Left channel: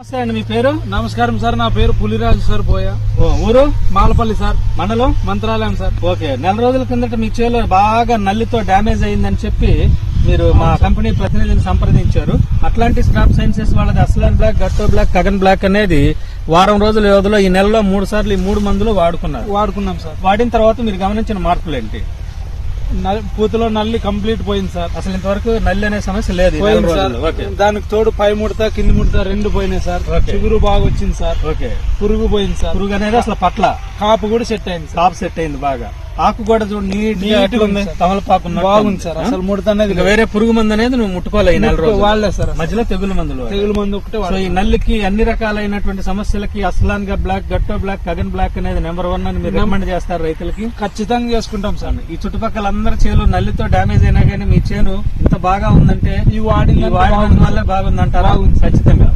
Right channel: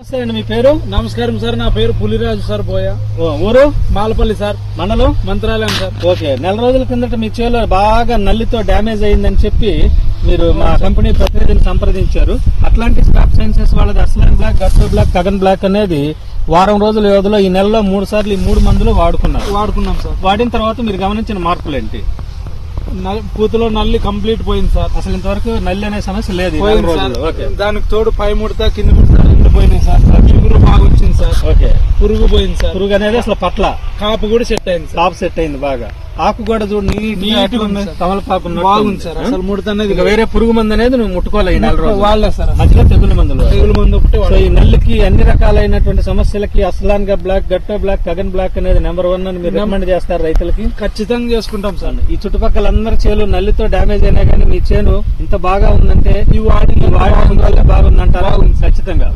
నమస్తే అండి మీ పేరు? నమస్కారం సార్ నా పేరు పులిరాజు సార్ పోయా ఊరు? మాలపల్లి సార్. మండలం? మంత్రాలయం సార్. ఓకే నెల రోజుల కిందట మీ చేలో బాగా నల్లితో డ్యామేజ్ అయిందని చెప్పి మీరు మా కంపెనీ ప్రతినిధిని సంప్రదించారు. అట్లాంటిక్ క్రాప్ సైన్సెస్ వాళ్ళది అస్లాన్ బ్లాక్ గట్టో బ్లాక్ కగన్ బ్లాక్ అనేది వారం రోజుల వ్యవధిలో ఈ నెలలో మూడు సార్లు ఈ మూడు మందులు వాడుకున్నారు. వాడుకున్నాం సార్. వాడిన తర్వాత మీరు గమనించిన మార్పులు ఏంటి? పూతలో నల్లి కంప్లీట్ పోయింది సార్. అసలు ఇంతవరకు నల్లి అనే సమస్య లేదు పోయింది సార్. దానికి తోడు పై ముడత కింది ముడత రెండు పోయినాయి సార్. చిగురు బాగా వచ్చింది సార్. ఓకే. పురుగు పోయింది సార్. పురుగు అనేది అసలు పట్ల. కాపు కూడా సెట్ అయింది కాపు సెట్ అయింది బాగా. ఆకు కూడా చూడు. తమలపాకు బాగుంది. సార్. అసలు ముడత అనేది ఇక వేరే పురుగు మందు అనేది నువ్వు ముట్టుకోవాలి వాళ్ళే సార్ మధ్యలో తెగులు మందులు. వాడు. తెగులు మందు ఒకటి. ఈ నల్లికి అన్ని రకాలైనటువంటి సమస్యలకి అస్లాన్గా బ్లాక్ గట్టో బ్లాక్ కగన్ బ్లాక్ అనేది నెంబర్ వన్ అని మీరు రికమెండ్ చేస్తారు రైతులకి. ఖచ్చితంగా చేసుకుంటాం సార్. ఈ చుట్టుపక్కల అందరి చేలు నల్లితో డ్యామేజ్ అయినా కానీ మీ చేను ఇంత బాగా ఉందంటే ఈ వాడి ఈ వాడిన వల్లే బాగుందంటారా? ఖచ్చితంగా.